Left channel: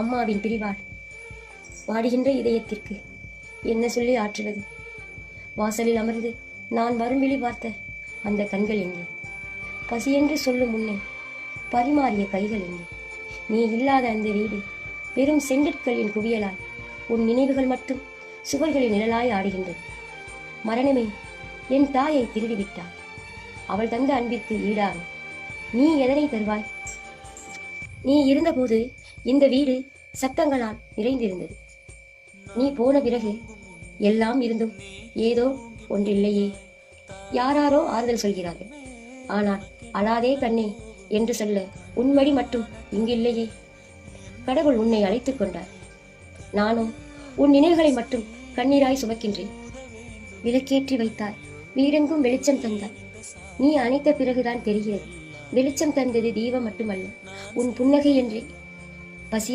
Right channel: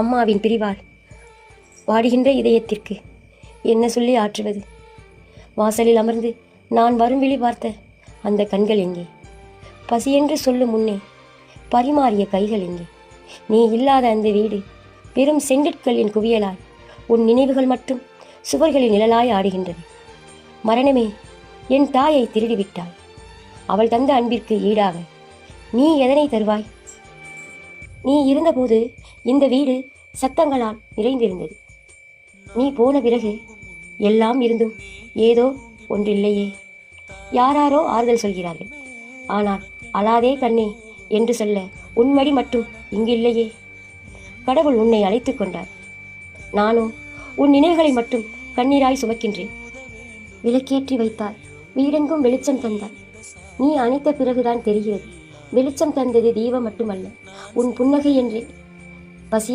அம்மாவின் பிரிவால் வாடுகின்ற இதயத்திற்கு என்ன சொல்லி ஆற்றுவது? வாசலில் அமர்ந்து நான் வரும் விழி பார்த்த அந்த கண்கள் எங்கே? பசியென்று சொல்லும் முன்னே பரிமாறிய கைகள் எங்கே? நீ இல்லாத அந்த வீடு வெறும் செங்கற்களின் குவியலாய் உன் நினைவுகள் மட்டும் சுவர்களின் நிழலாய் ஆடுகின்றது. மரணமே என் தாயை திருடிவிட்டாள். அவள் தந்த அன்பிற்கு ஈடாக நீ எதனை தருவாய்? நீ இருந்தபோது இந்த வீடு சத்தங்களால் நிறைந்திருந்தது. நீ போன பிறகு எல்லாம் இருந்தும் ஏதோ ஒன்றில்லையே. யாராரோ ஆறுதல் சொல்கிறார்கள், ஆனால் அழாதே கண்ணே என்று சொல்ல உன்மடி மட்டும் இங்கு இல்லையே. கடவுள் உன்னை அழைத்து கொண்டார். நானோ உன் நினைவுகளை மட்டும் கண்ணீராய் சுமக்கின்றேன். விளக்கேற்றி வைத்தாய், வீடெங்கும் வெளிச்சம் தந்தாய். நீ அணைத்த பிறகுதான் தெரிகிறது, வெளிச்சம் தந்தது தீபம் மட்டுமல்ல, உன் புன்னகை என்றே. பசிய